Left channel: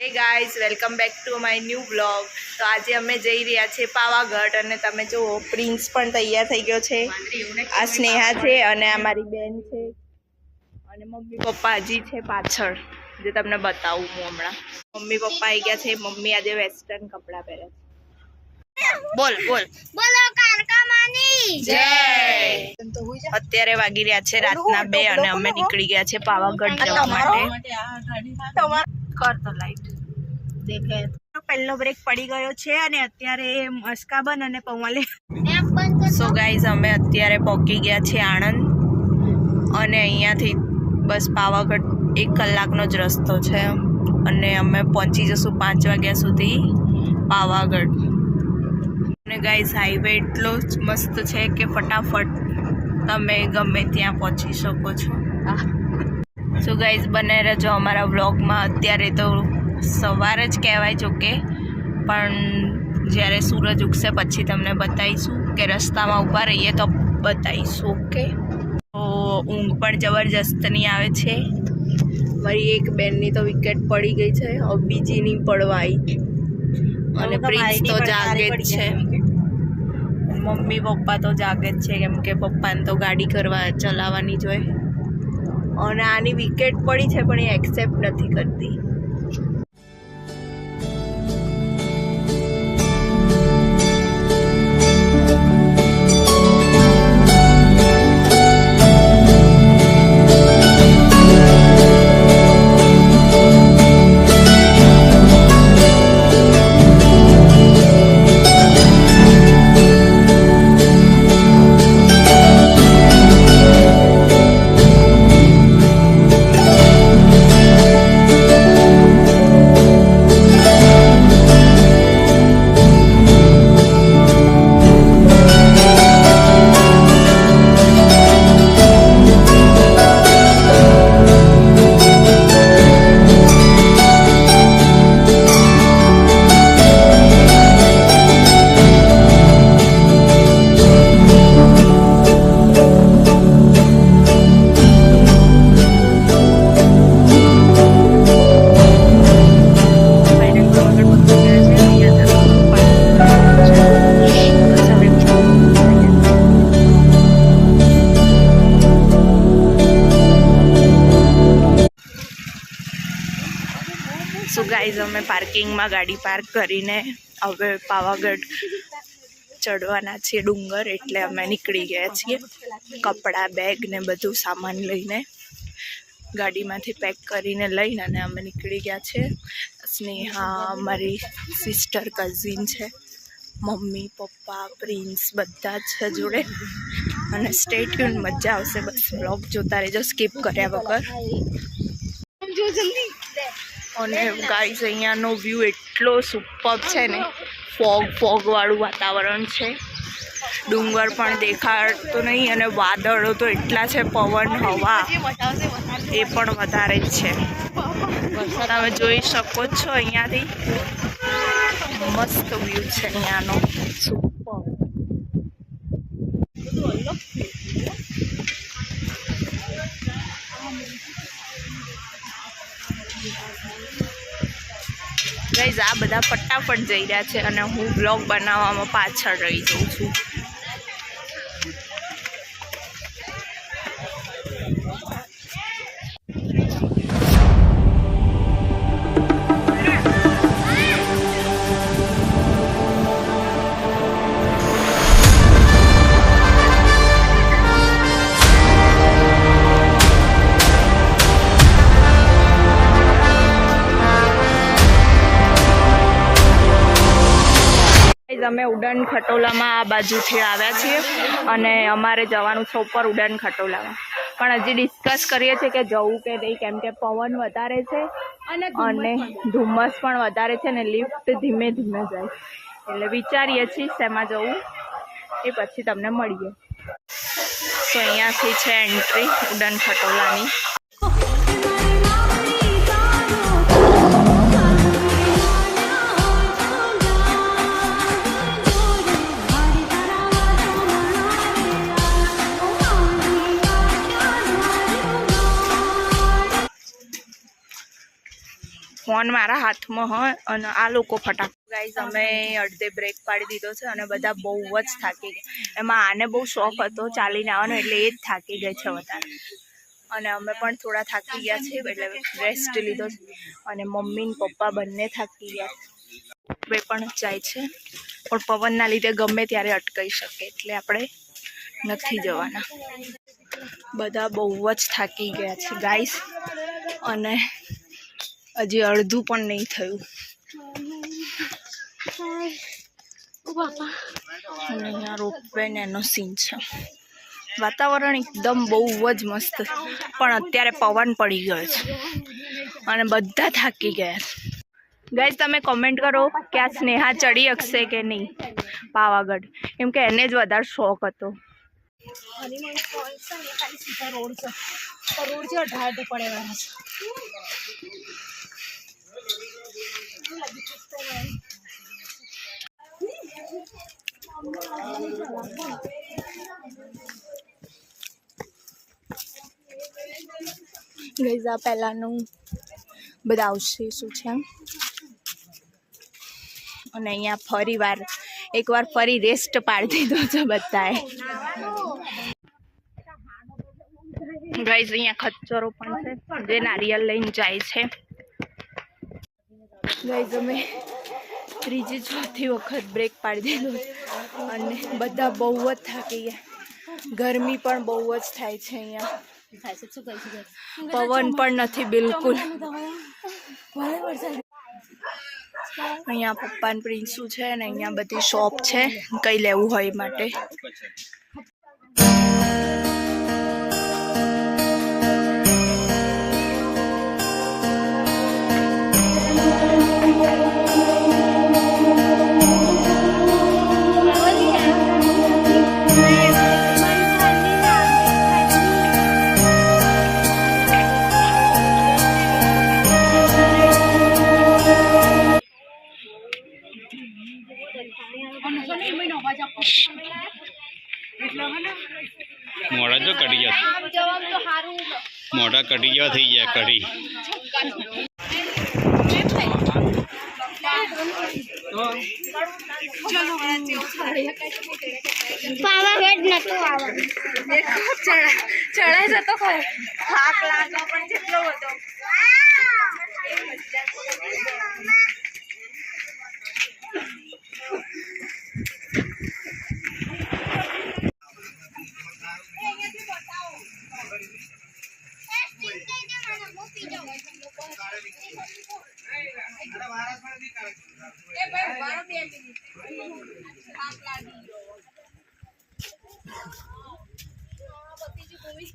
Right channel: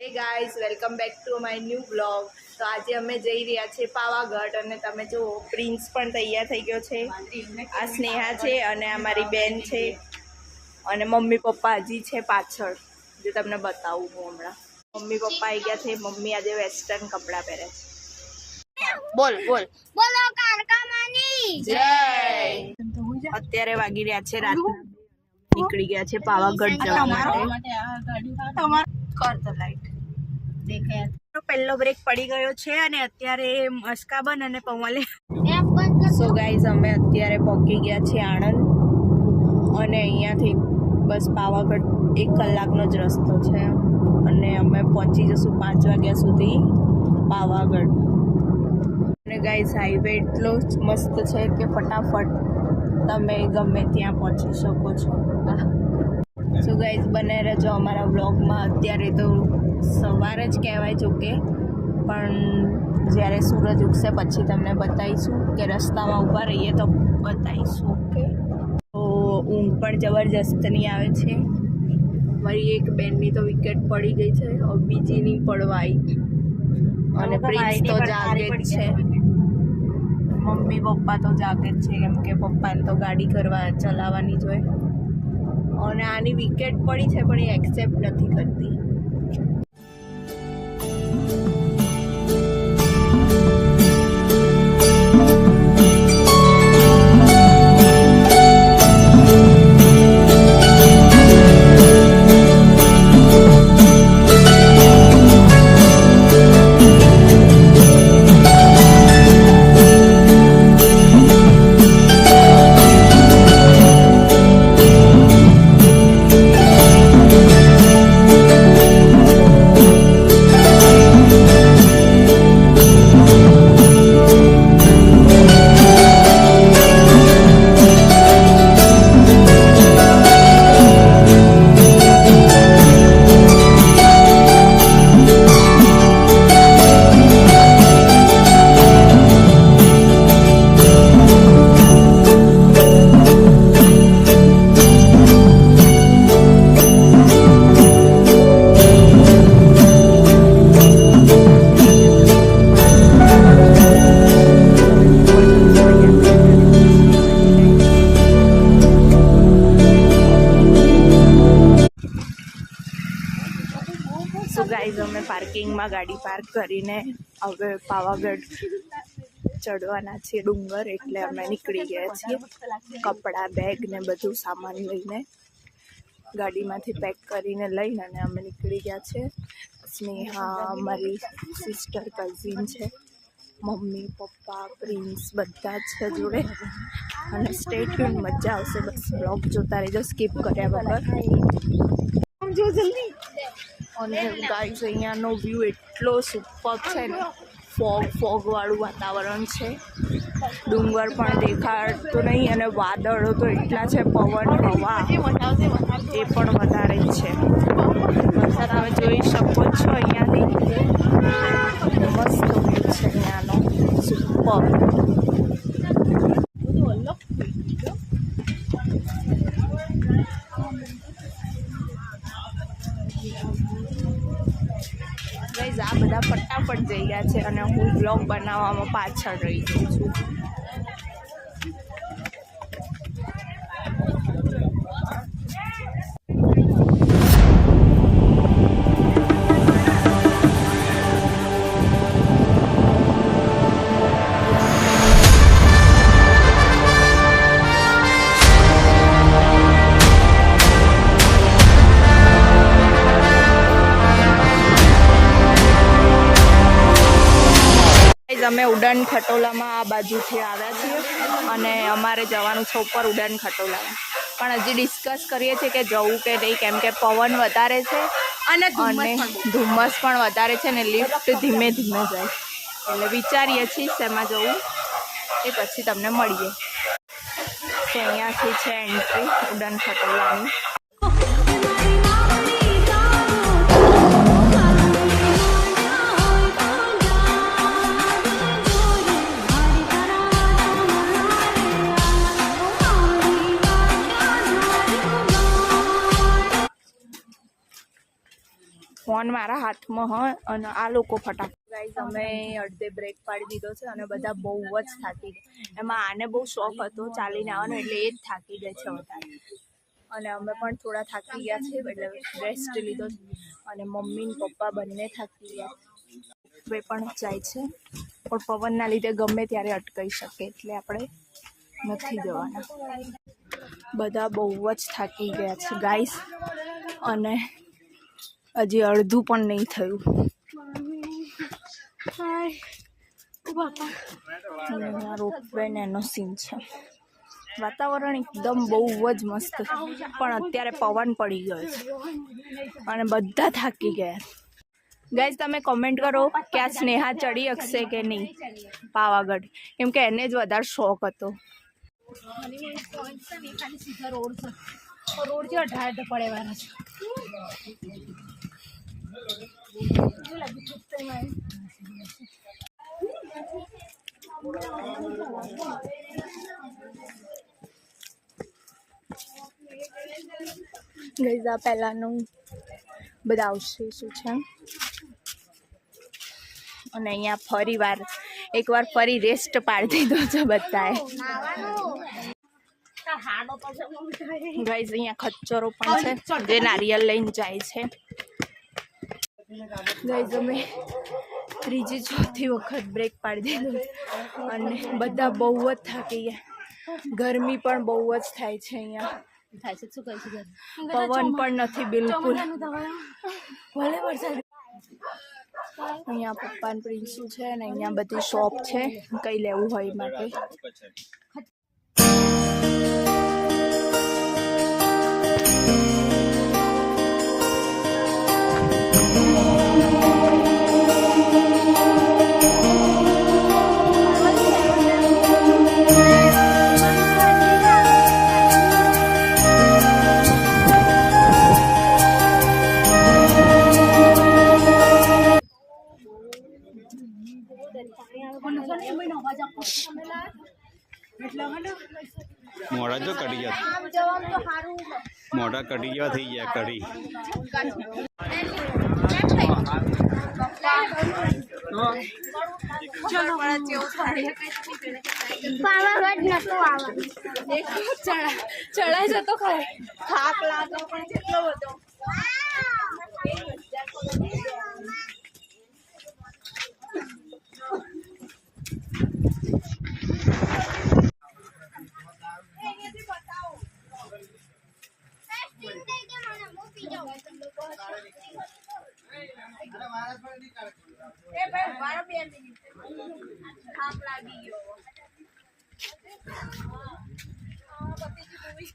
Hey guys welcome back to my new blog. તો આજે અમે જઈ રહ્યા છીએ પાવાગઢ અને તમે જો પ્રિન્સ પણ તૈયાર થઈ ગયો છે। આ સ્નેહા છે અને આ મારી બેન છે અને મમ્મી પપ્પા હજી છે પાછળ, જે તમને બતાવું હું હમણાં। મમ્મી પપ્પા આવી ગયા છે। મમ્મી આજે વેસ્ટર્ન કપડાં પહેરે છે। બોલ બોલ બોલો કારકા માની જય। અત્યારે વાગી રહ્યા છે રાતના 2 અને અમે નીકળી ગયા છે પાવાગઢ જવા માટે। કર તો લાઈટ દેખે તો પહેલો બ્રેક પડી ગયો છે અને અત્યારે મસ્કાબન અને પૌવાલે। સો ગાઈઝ અમે અત્યારે પહોંચી ગયા છે આણંદ અને અહીંયાથી બસ પાવાગઢ 1 કલાકનો જ રસ્તો છે અને અમે પહોંચી જશું 5 વાગ્યા સુધી પાવાગઢ। અને ગાઈઝ હાઈવે એટલો જ મસ્ત છે કે ફટાફટ તમે ગમે ત્યાં પહોંચી શકો છો। સો ગાઈઝ બને રહેજો અમારા વ્લોગમાં। અત્યારે તો સવાર જ કહેવાય જો કે, પણ જ્યારે સૂરજ ઉગશે પછી તમને બતાવીશું કે રસ્તામાં ઊભા રહીએ તો બતાવીશું। ઓકે, તો ઊંઘ પણ જબરજસ્તની આવે છે। મારી એક બેનની તો વિકેટ પડી ગઈ છે, હવે બીજીની પડવા આવી અને પ્રિન્સ તો જાગે જ છે। મમ્મી પપ્પા તો જાગે જ છે કેમ કે પપ્પાને તો ગાડી ચલાવવાની જ હોય અને આની વિકેટ પડી છે પણ એ એક્સેપ્ટ નથી કરતી। સો ગાઈઝ અમે પાર્કિંગમાં ગાડી પાર્ક કરીને હવે પાવાગઢ ચડવાના છીએ ડુંગર, એટલે અમે નીકળી ગયા છીએ। કપડાં, બેગ ને બધું સામાન લઈને ગાડીમાંથી પેક કરીને લઈને અને અમે નીકળી ગયા છે। સ્નેહા મારી સિસ્ટર કઝિન છે, મમ્મી પપ્પા પ્રિન્સ બધા જ છે જોડે અને સ્ટે ટ્યુન, મજા આવશે। બસ બ્લોગ જોતા રહેજો સ્કીપ કર્યા વગર। અને ગાઈઝ અહીંયાનો વ્યૂ એટલો સુપર છે ને, ફોગ વાળું વાતાવરણ છે, ડુંગર પણ દેખાતો નહીં અને વાદળો તો એટલા છે, પવન હવા એ પણ વધારે જ છે। તમે જોઈ શકો છો અહીંયાથી મસ્ત વ્યૂ છે અહીંયાનો, સુપર। ગાઈઝ આ બધા ફટાફટ જઈ રહ્યા છે અને હું બ્લોગ બનાવવામાં પાછળ રહી જાઉં છું। અમે ઉડાન ખટોલામાં આ બાજુથી આવ્યા છીએ અને અમારે જવાનું છે ઉપર ઉડાન ખટોલામાં, પણ હજી ડિસ્કસ કરીએ છીએ કે જવું કે નહીં, કેમ કે પવન વધારે છે અને ધુમ્મસ પણ વધારે છે ને લિફ્ટ ધીમે ધીમે જાય, એટલે વિચારીએ છીએ શેમાં જવું એ પછી તમને મળીએ। તો અહીંયાથી છે એન્ટ્રી ઉડાન ખટોલાની। ફોન મારા હાથમાં હોય અને આ લોકો ફટાફટ. ગાઈઝ અમે અડધે બ્રેક પાડી દીધો છે અને બધા બહુ જ થાકી ગયા. એમાં આને બહુ શોખ હતો ચાલીને આવવાનો એટલે એ જ થાકી ગઈ છે વધારે. અને અમે પણ થોડા થાકી ગયા છે એટલે રેસ્ટ લીધો છે. અને મમ્મી ને પપ્પા બંને થાકી ગયા બે પણ જાય છે પણ પવનના લીધે ગમે ત્યારે અટકાઈ શકે એટલે આપણે નથી જવાના. બધા બહુ જ થાકી ગયા છે ગાઈસ અને હજી અડધું પણ નહીં થયું. અને અહીંયા રોપવે ને એનો સીન છે. વાતાવરણ એકદમ બહુ જ મસ્ત પણ અત્યારે પવન પડી ગયો છે અને બધા થાકી ગયા છે. ગાઈઝ તમે કોમેન્ટ કરો કે આ સ્નેહા ચડી શકશે કે નહીં પાવાગઢ, કેમ કે એને જ વધારે શોખ હતો. ગાઈઝ આ પહેલાંનું બધા આવશે શું છે અને અહીંયા ફરી એકવાર ફરી રેસ્ટ પાડી દીધો છે બધાએ. ગાઈઝ અહીંયા ખચ્ચરો પણ છે જે નારિયેલ લઈને જાય છે. ગાઈઝ અમે ત્રીજી ચોથી વખત બ્રેક પાડી દીધો અને બધા બહુ જ થાકી ગયા. ગરમી પણ બહુ જ થાય છે અહીંયા. પવન પણ નથી બિલકુલ. અહીંયા પપ્પા ને પ્રિન્સુ છે અને અહીંયા બધી શોપ છે કંઈ લેવું હોય માટે. મોડા જો કઢી ગયા, મોઢા કઢી ગયા થઈ ગયા કઢી. પાવાગઢ નતું આવવાનું. ચડાય જતો ખરો થાક લાગો પણ કેટલો હતો.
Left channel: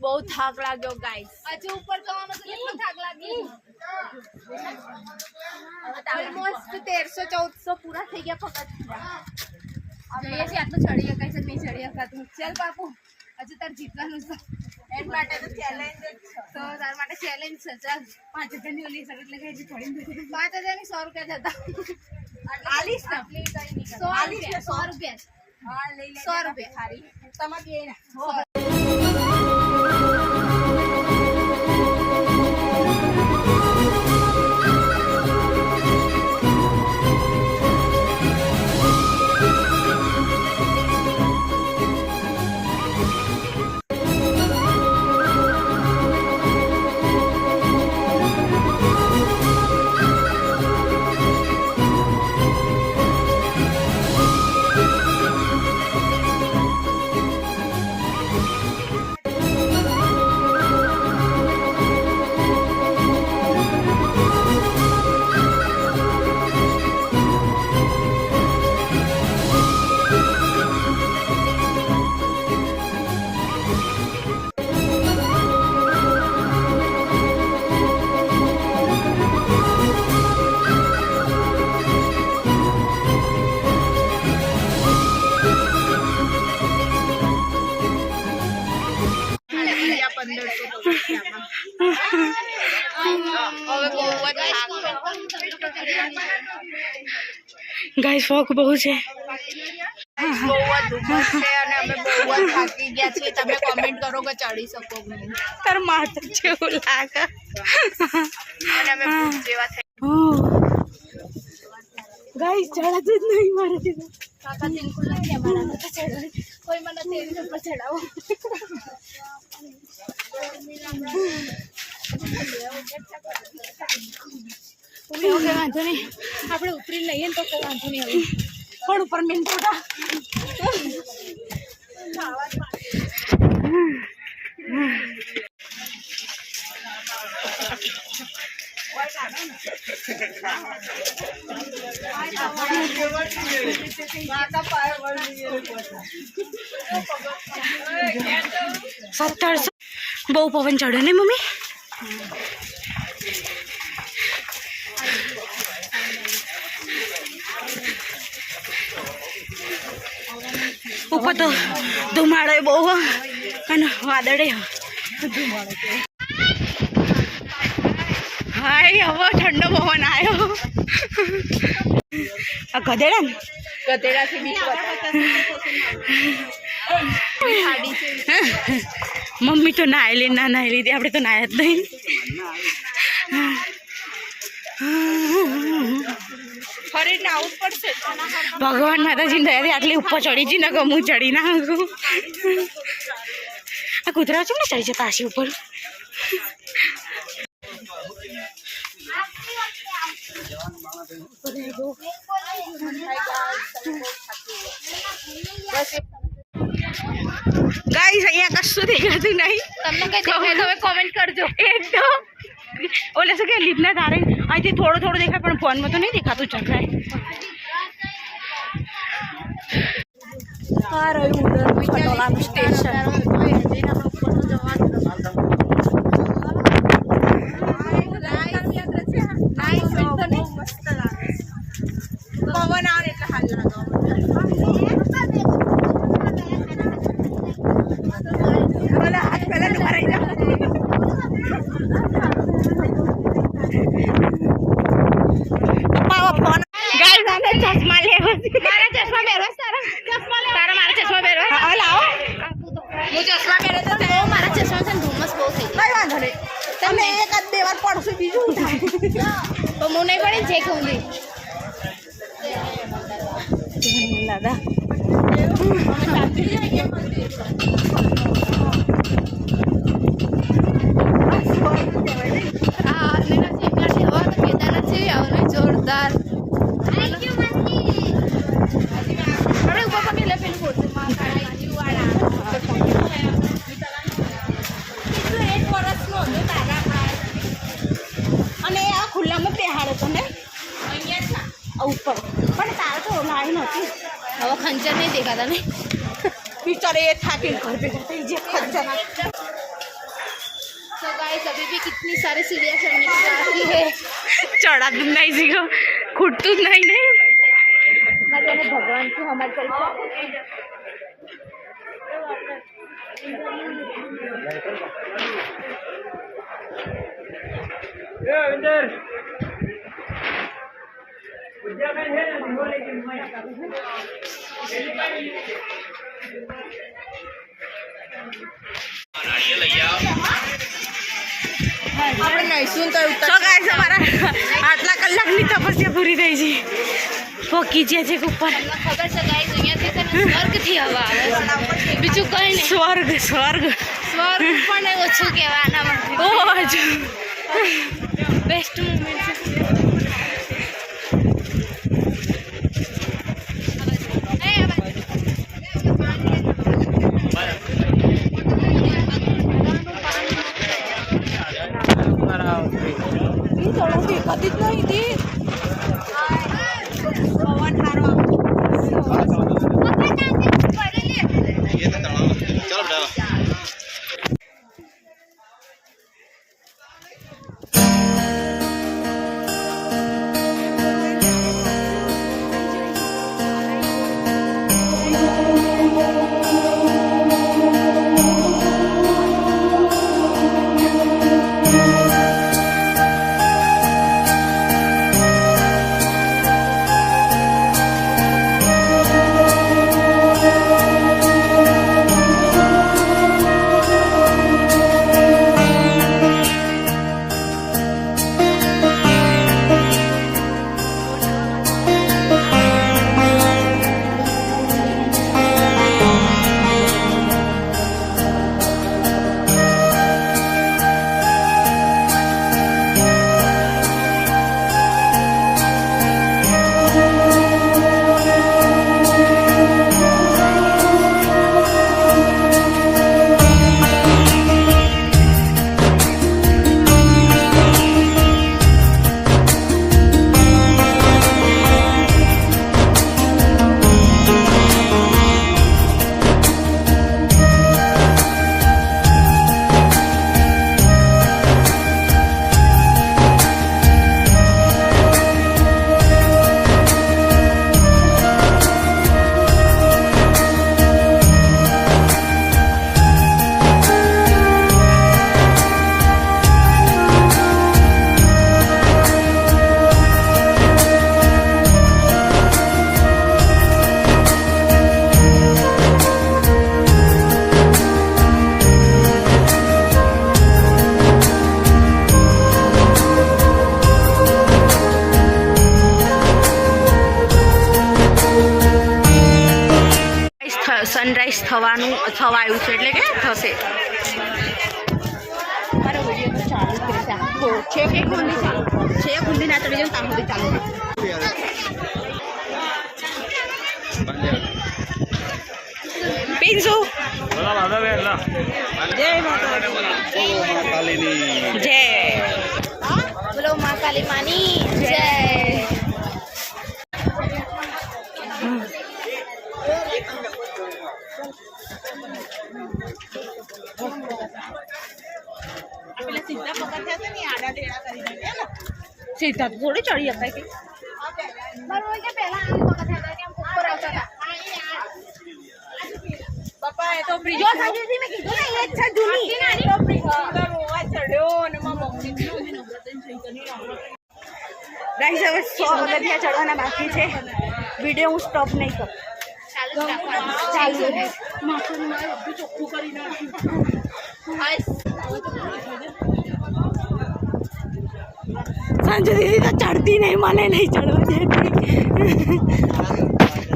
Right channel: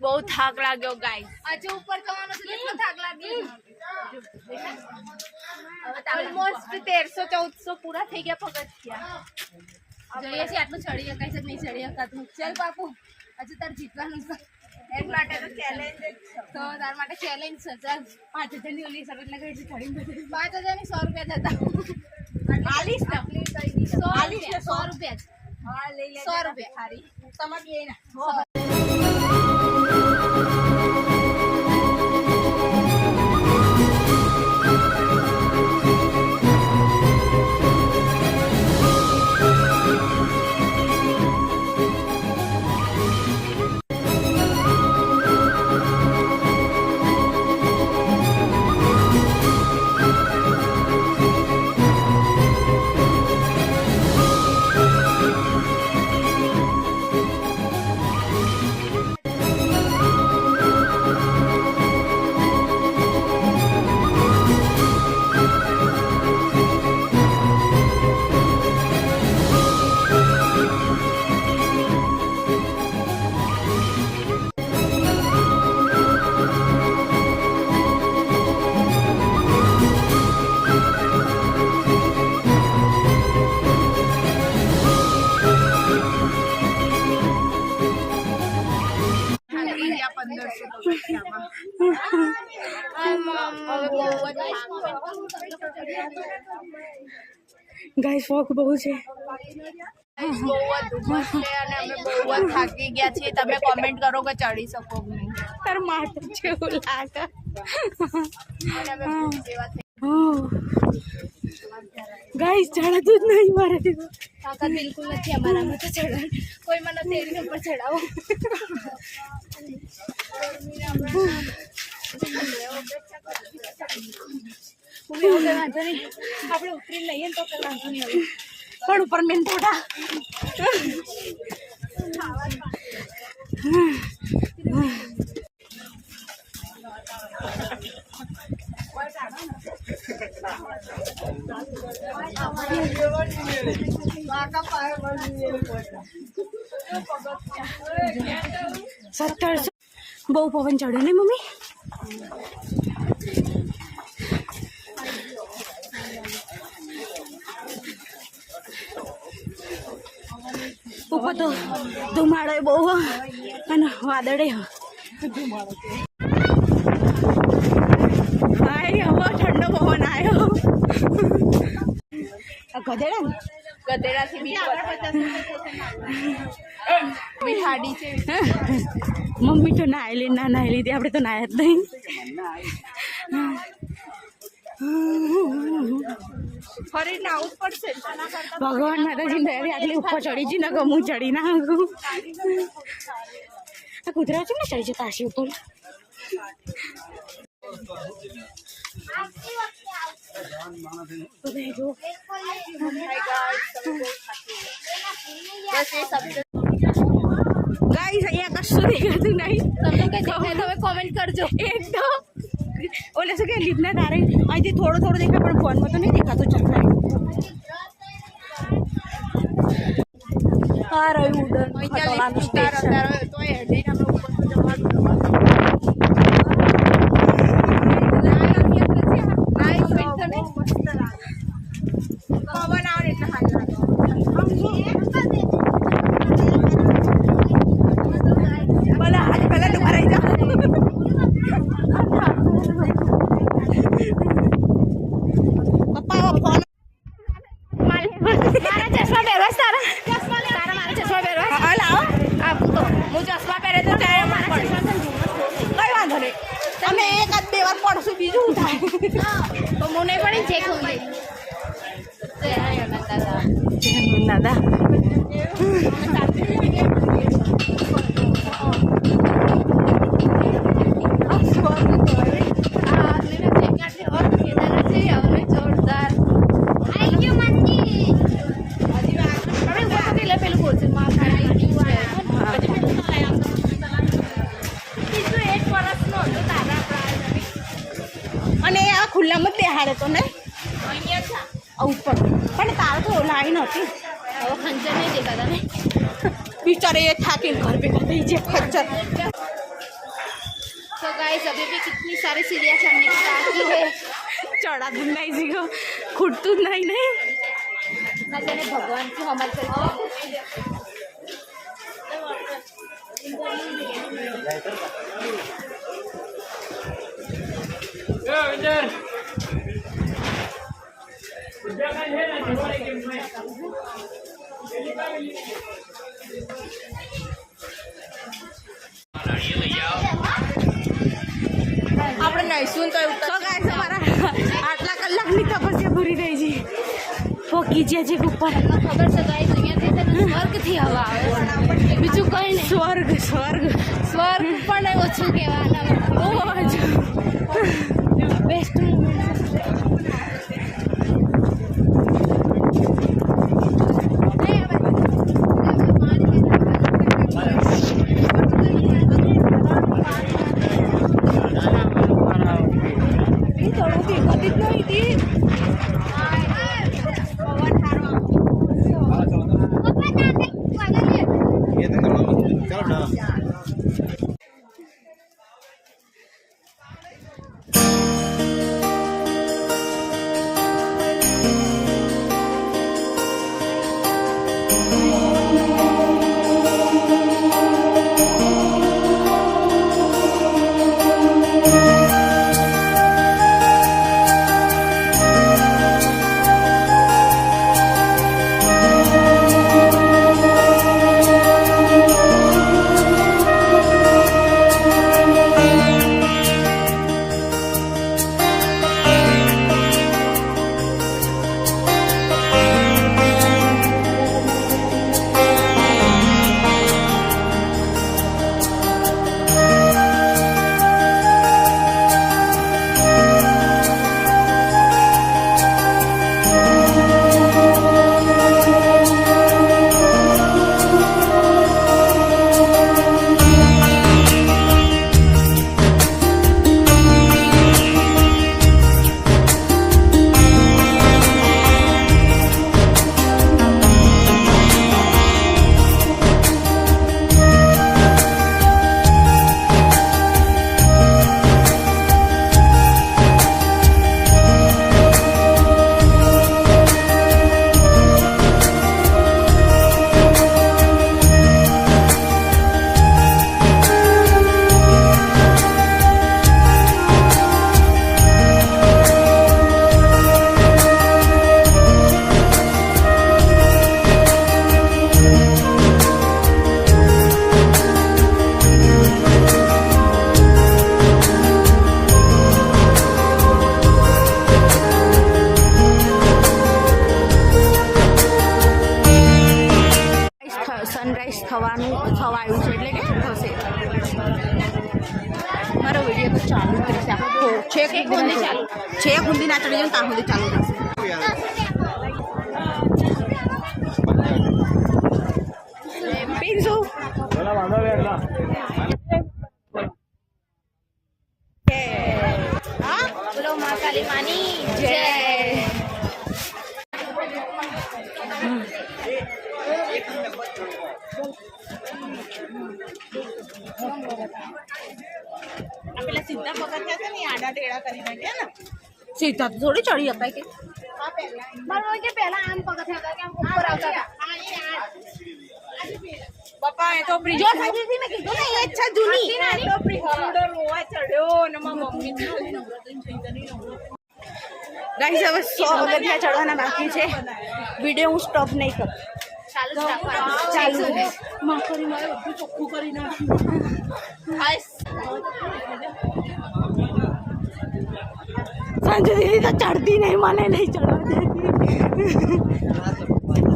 બહુ થાક લાગ્યો ગાઈસ. હજુ ઉપર જવાનો છે કેટલો થાક લાગ્યો. ઓલમોસ્ટ 1300-1400 પૂરા થઈ ગયા પગથિયા. જોઈએ છે આટલું ચડી શકાય છે નહીં ચડી શકાતું. ચાલ પાપુ હજુ તાર જીતવાનું છે. એમ માટે તો ચેલેન્જ જ છે. તો તાર માટે ચેલેન્જ છે. ચાલ 5000 ની ઓલી શરત લગાવી છે ચડીને 5000 ની 100 રૂપિયા જતા. 100 રૂપિયા. હા લઈ લે 100 રૂપિયા ખારી તમાર બે ના. ગાઈસ ફોક બહુ છે. થાકી ગયા છે. તમે કોમેન્ટ કરો કે ચડી શકો કે નહીં. તાર માથું જેવું લાગે અને અમે જેવા થઈ ગાઈસ ચડાતું જ નહીં મારાથી તો. તાકાત બિલકુલ નથી અમારામાં તો ચડવાની. કોઈ મને તેલની ઉપર ચડાવો. વાંધો નહીં, આપણે ઉતરી લઈએ ને તો કઈ વાંધો નહીં હોય. પણ ઉપર મેન થોડા બહુ પવન ચડે ને મમ્મી. ઉપર તો ધુમાડો બહુ અને વાદળે હાય હવે ઠંડો પવન આવ્યો. આ ગધેડા ને ગધેડાથી બીક મમ્મી તો નાહેલી ના નાહેલી હતી, આપણે તો નાહ્યા જ નહીં. ફરીને આવું પડશે. ભગવાન માતાજીની દયાથી આટલી ઉપર ચડી જી ને હું ચડી ના શકું. આ કૂતરા છે ને ચડી જતા આશી ઉપર. ગાઈસ અહીંયા કશું દેખાતું નહીં. તમને કઈ દેખાય તો કોમેન્ટ કરજો. એક તો ઓલે શું કે લીપના તારે અહીંથી થોડું થોડું દેખાય પણ ફોનમાં તો નહીં દેખાતું ચક્રાય. આ રહ્યું ઉડન ખટોલાનું સ્ટેશન. બધા હાથ પહેલા ડુબા રહી જા. ફોન ગાઈસ આને ચશ્મા લેવા. મારા ચશ્મા પહેરવા તારા તારા મારા ચશ્મા પહેરવા. હા લાવો. આપું તો હું ચશ્મા પહેરે તો તે મારા ચશ્મા છે ધુમ્મસ બહુ થઈ. કઈ વાંધો નહીં, અમે એકાદ બે વાર પડશું બીજું શું થાય. તો હું નહીં પડી છે ખુંદી દાદા જોરદાર અને આ ખુલ્લામાં બેહાડે તો ને ઉપર પણ તારે તો લાઈન હતી. હવે ખંજર નહીં દેખાતા ને બિચારે એ થાકીને ઘર ભેગા થઈ જાય ખંજર. तो गाइस अभी भी कितनी सारी सीढ़ियाँ चढ़ने की बाकी है. ચડાતું જ નહીં શીખો, ખૂટતું જ નહીં નહીં. मैंने भगवान को हमारे को આપણે નહીશું તો ગાઈસ અમારા આટલા કલાકની તપસ્યા પૂરી થઈ છે. પોકી ગયા છે ઉપર. ખબર છે ગાઈસ અહીંયાથી સ્વર્ગથી હવા આવે છે, બીજું કંઈ નહીં. સ્વર્ગ સ્વર્ગ સ્વર્ગ પણ ઓછું કહેવાય આનામાંથી. બહુ જ બેસ્ટ મુમેન્ટ છે. સનરાઈઝ થવા આવ્યું છે એટલે કે થશે. મારો વિડીયો તો ચાલુ જ રહેશે. છે કે ગુંદી ના ચડી જાય ત્યાં સુધી ચાલુ રહેશે. પીન્સુ જય બોલો મા કાલી માની જય. સીધા તો થોડી ચડી શકાય કે બાપા એ તો બ્રિજ અચ્છા જૂની ગાઈસ હવે 100 પગથિયા ચડવાના બાકી છે. વિડીયો હું સ્ટોપ નહીં કરું. ચાલુ માખણ મારે બધું ચોખ્ખું કરી સંજુ દીદી તો ચડતી નહીં, મને નહીં ચડવા દેતી.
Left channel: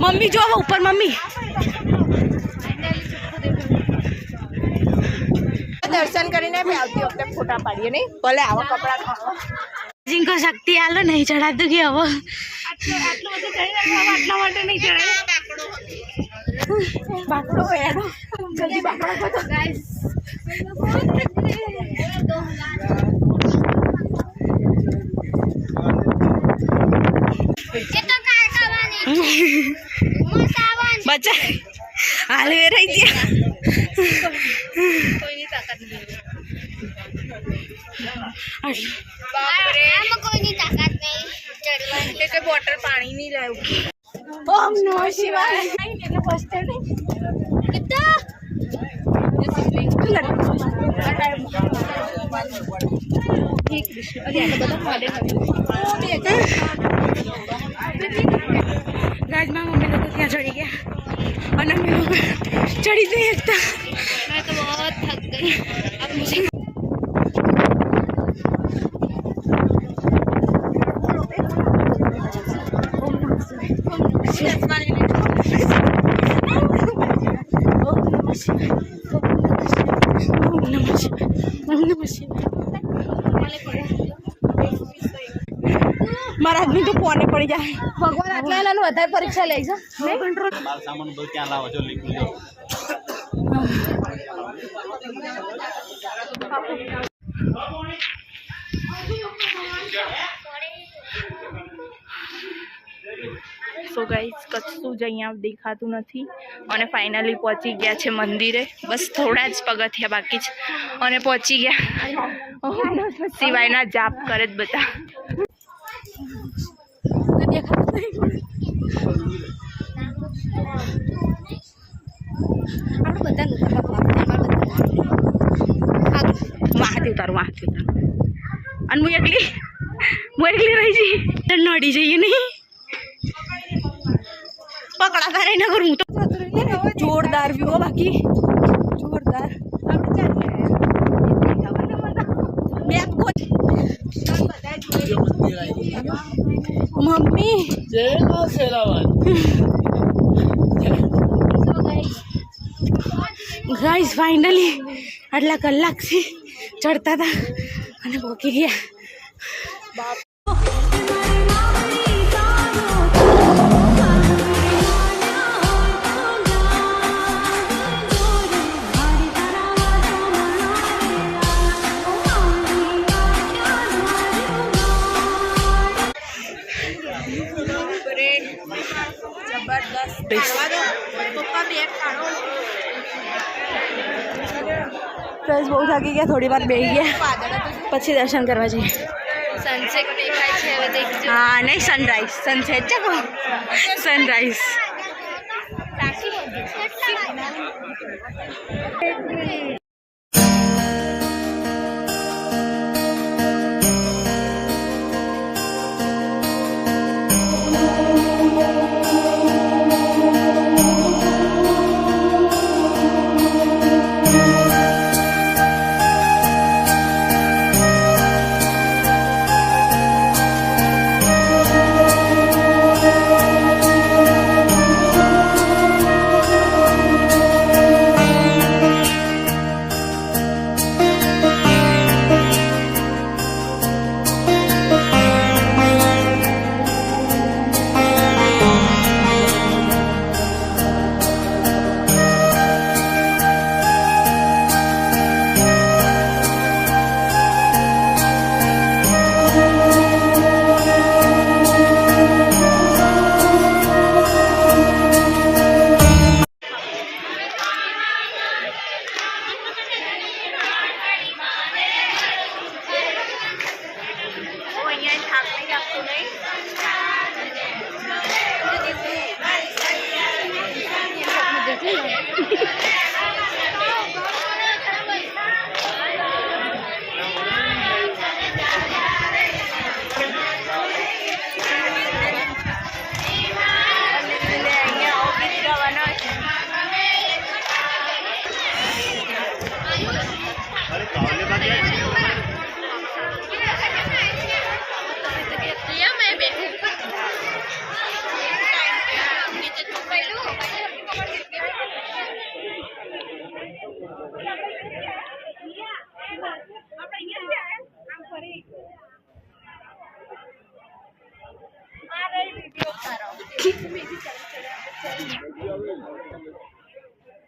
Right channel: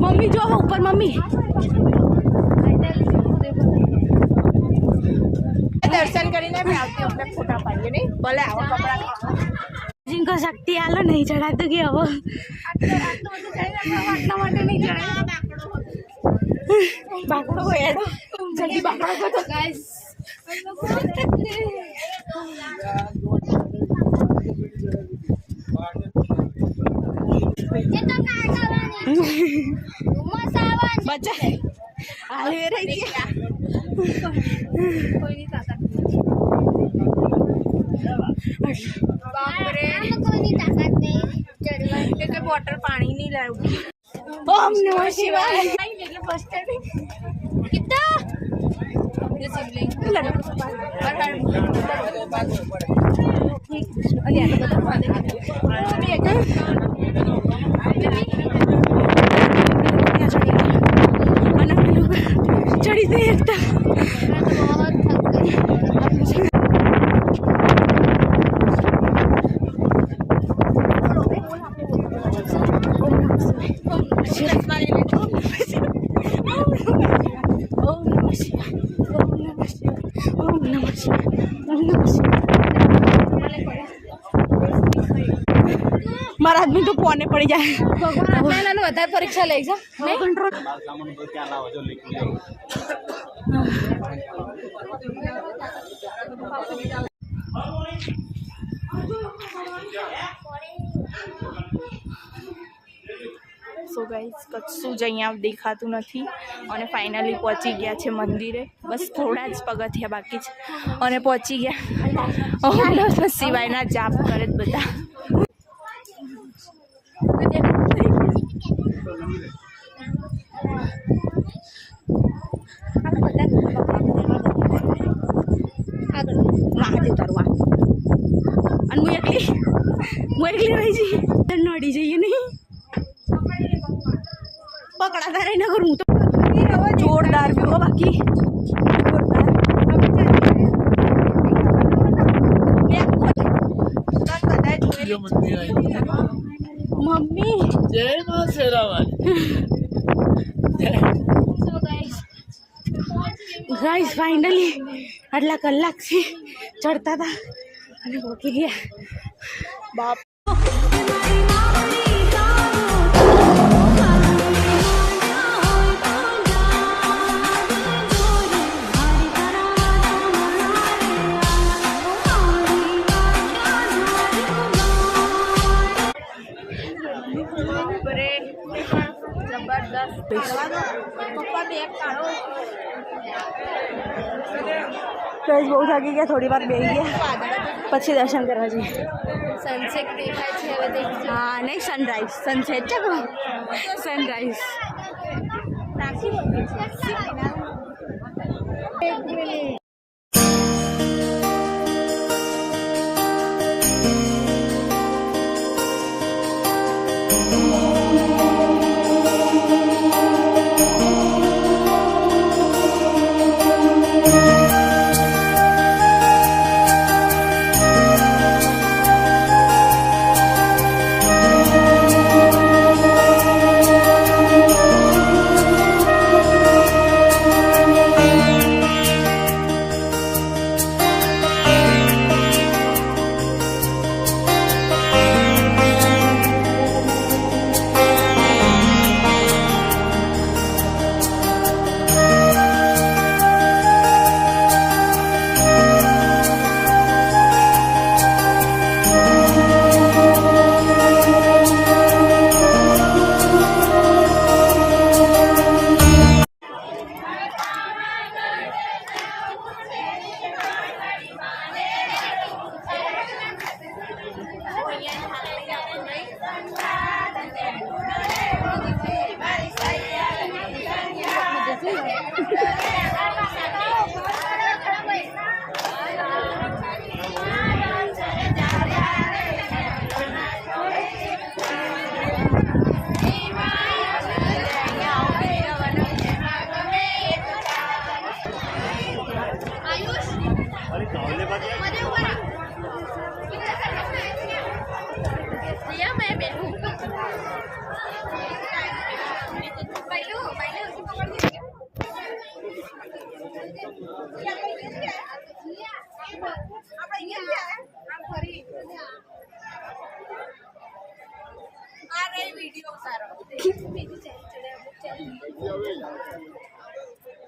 મમ્મી જો ઉપર મમ્મી દર્શન કરીને આવતી વખતે ફોટા પાડીએ નહીં ભલે આવા કપડા જીંકો શક્તિ આલો નહીં ચડાતું કે હવે આટલા માટે નહીં ચડાય બાકડો એડો જલ્દી બાકડો બધો ગાઈસ બચ્ચા હાલે રહી ગયા. કોઈની તાકાત નહીં ચડવાની. એટલે બોટલ પાણી નહીં લાવ્યું. ઓમ નમઃ શિવાય. ચડી ગઈ એકતા. मैं तो बहुत थक गई. अब मुझे મારા આદમી તો પોને પડી જાય. ભગવાન આટલા એલાનું વધારે પરીક્ષા લઈ જા કંટ્રોલ સામાન બધું ત્યાં લાવો છો લીકું જાઓ. સો ગાઈસ કશું જ અહીંયા દેખાતું નથી અને ફાઇનલી પહોંચી ગયા છે મંદિરે. બસ થોડા જ પગથિયા બાકી છે અને પહોંચી ગયા. ઓમ નમઃ શિવાયના જાપ કરે જ બધા. મહાદેવ તારું મહાદેવ અને હું એકલી રહી જઈ તો નડી જઈએ નહીં. પકડા કરે ના કરું હું તો. જોરદાર વ્યૂ બાકી જોરદાર. મમ્મી ગાઈસ ફાઇનલી આટલા કલાકથી ચડતા હતા અને પહોંચી ગયા. બાપ પ્લસ બહુ થાકી ગયા. થોડી વાર બેસી ગયા પછી દર્શન કરવા જઈએ. સનસેટ દેખાય છે હવે દેખજો. હા નહીં સનરાઈઝ સનસેટ છે કહો સનરાઈઝ.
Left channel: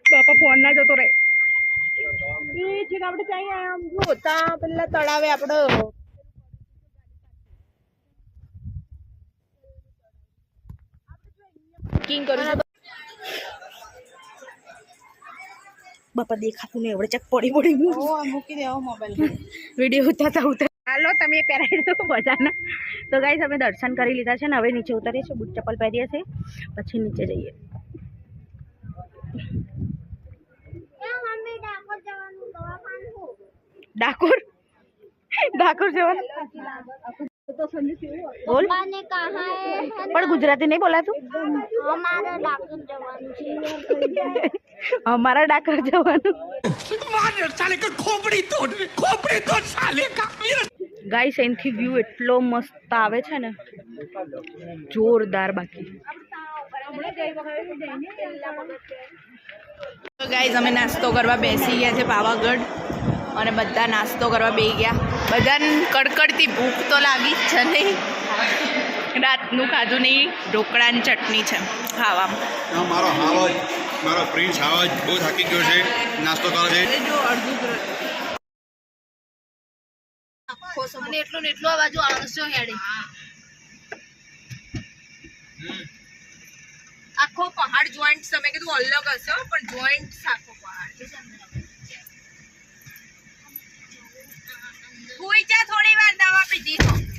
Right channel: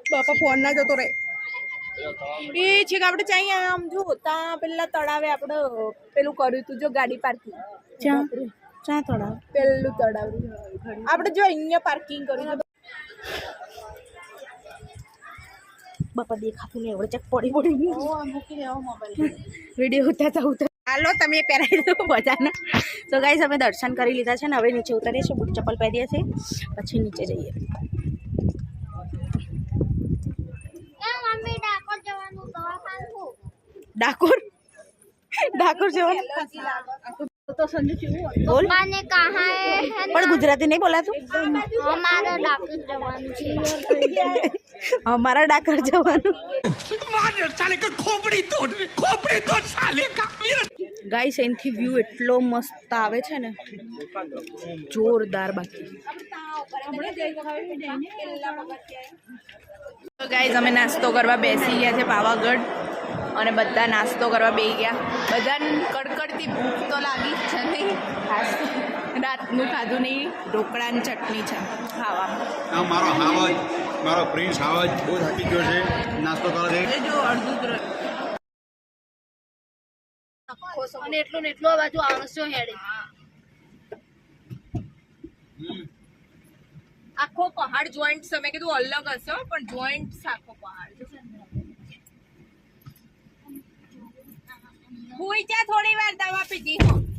બાપા ફોન ના જતો રહે એ છે કે આપણે ચાઈ આમ જો તા પેલા તળાવે આપણે પેલું કર્યું તું જો ગાડી પાર્કિંગ ચા તળાવ પેલું તળાવ આપણે જો અહીંયા પાર્કિંગ કર્યું બાપા દેખાતું નહીં એવડે ચક પડી મૂકી દેવો મોબાઈલ વિડીયો ઉતારતા હાલો તમે પહેરાવી દો બધાને તો ગાઈસ અમે દર્શન કરી લીધા છે ને હવે નીચે ઉતરીએ છીએ બૂટ ચપ્પલ પહેરીએ છીએ પછી નીચે જઈએ ડાકોર જવાનું તો સંજુ કેવું બોલ माने कहाँ है પણ ગુજરાતી નહીં બોલાતું हमारा डाकू जवान जी અમારા ડાકર જવાનું ગાઈસ એનથી વ્યૂ એટલો મસ્ત આવે છે ને જોરદાર બાકી તો ગાઈસ અમે નાસ્તો કરવા બેસી ગયા છે પાવાગઢ અને બધા નાસ્તો કરવા બેસી ગયા બધાને કડકડતી ભૂખ તો લાગી જ છે નહીં રાતનું ખાધું નહીં ઢોકળાની ચટણી છે ખાવામાં મારો હાવજ મારો પ્રિન્સ હાવજ બહુ થાકી ગયો છે નાસ્તો કરે છે અને એટલું ને એટલું આ બાજુ આણસો હેડી આખો પહાડ જોઈન્ટ છે મેં કીધું અલગ હશે પણ જોઈન્ટ આખો પહાડ હુઈ જા થોડી વાર દવા પીધી હો